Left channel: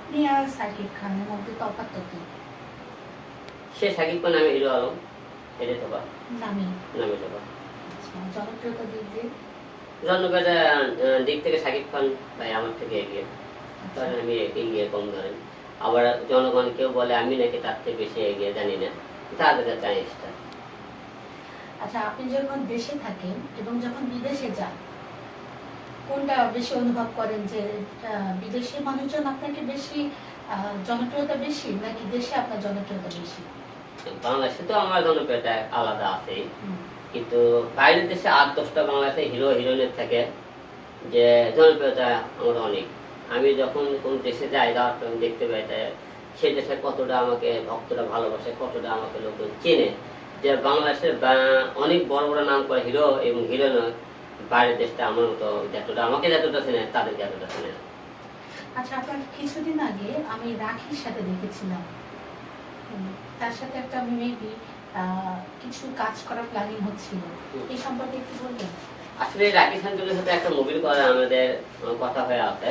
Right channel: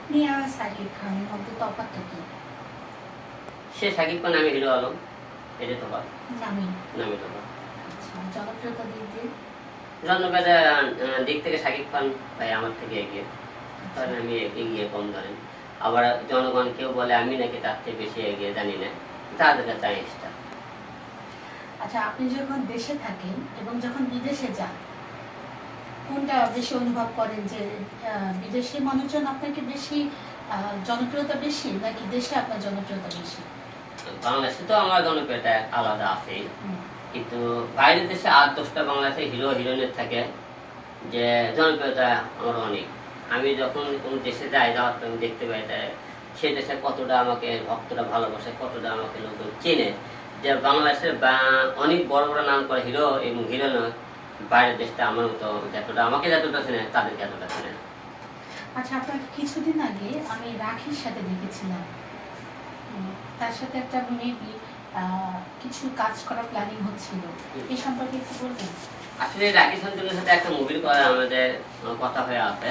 আপনি আর সাকিব খানের মধ্যে তফাৎটা কি? সে সাকিব খান আমি হিরো আলম। এটা তো বা নামি। নামে তো বা আচ্ছা জনপ্রিয়তা দিক দিয়ে? জন্মবেদা দিক থেকে সাকিব খান ভাই আমার থেকে এগিয়ে। কারণ আমি এগিয়ে কম ধরেন। আবার জনগণ কেউ বলে আমি নাকি তার থেকে বেশি এগিয়ে জানি না। তাদের কাছে আচ্ছা আপনি যখন দেশে থাকেন এবং যখন বিদেশে যান কোনটা বেশি অনুভব করেন যে বিদেশি মানুষজন আপনাকে বেশি জনপ্রিয়তা বেশি নাকি দেশে আপনার জনপ্রিয়তা বেশি? বাংলাদেশে তো আমার জনপ্রিয়তা আলাদা আছে। কিন্তু বাইরের দেশে আট দশটা বাংলাদেশে হিরো হিরোইনের থাকে যে জনপ্রিয়তা আমার অনেক। আমি যখন কোন দেশে যাই যাওয়ার আমি দেখতে পাই যে সে দেশে কতটা আমাকে ভক্তরা ভালোবাসে কতটা আমাকে লোকজন চেনে। যে বাংলাদেশের অনেক বড় বড় নাম করে হিরো এবং হিরোইন বাইরের দেশটা আমার মতো যতটা আমাকে যতটা চেনে তাদেরকে এতটা চেনে না। আচ্ছা আপনার কিছুদিন আগে আমি রাখির সাথে দেখেছিলাম। তার সাথে একটা মেবি কিছু কাজ করার প্ল্যানিং হচ্ছিল। এই সম্পর্কে একটু বলবেন? আসলে রাখি সান্তুলের সাথে একটা মুভির কথা আমাদের কথা হয়ে আছে।